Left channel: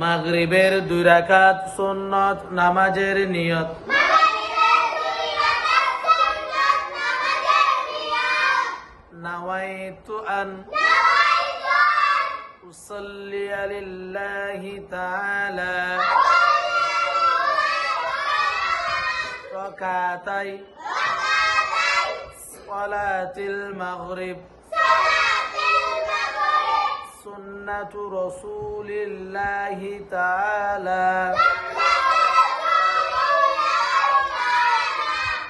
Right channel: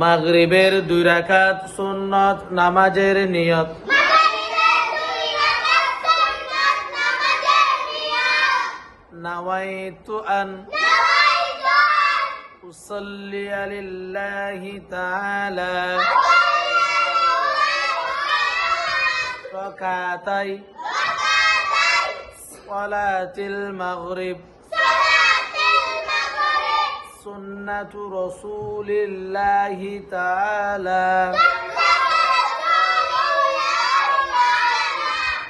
মাগরিবের 2 রাকাত সুন্নত নামাজের নিয়ত। নাওয়াইতু আন উসাল্লি লিল্লাহি তাআলা রাকাতাই সালাতিল মাগরিব সুন্নাতু রাসূলিল্লাহি তাআলা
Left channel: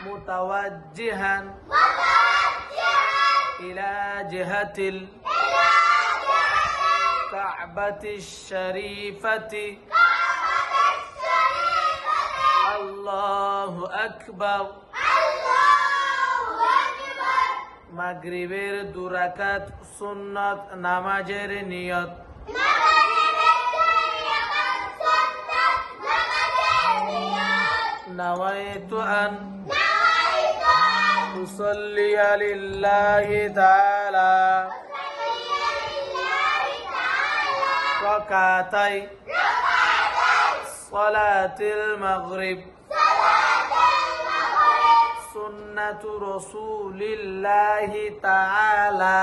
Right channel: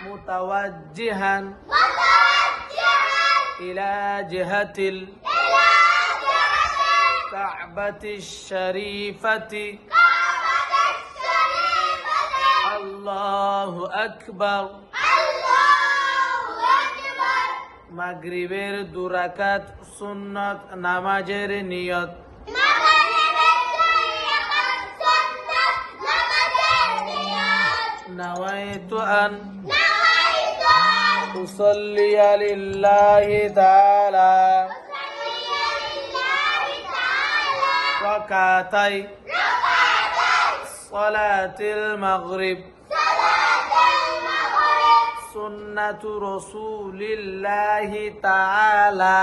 মুতাওয়াজ্জিহান ইলা জিহাতিল কাবাতিশ শরীফাতি আল্লাহু আকবার। মাগরিবের 2 রাকাত সুন্নত নামাজের নিয়ত। নাওয়াইতু আন উসাল্লি লিল্লাহি তাআলা রাকাতাই সালাতিল মাগরিব সুন্নাতু রাসূলিল্লাহি তাআলা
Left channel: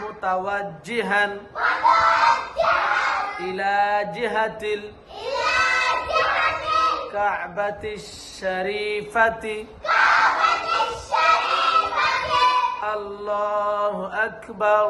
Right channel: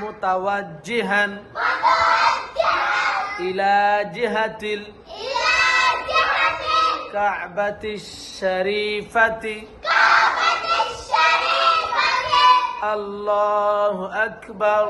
মুতাওয়াজ্জিহান ইলা জিহাতিল কাবাতিশ শরীফাতি আল্লাহু আকবার।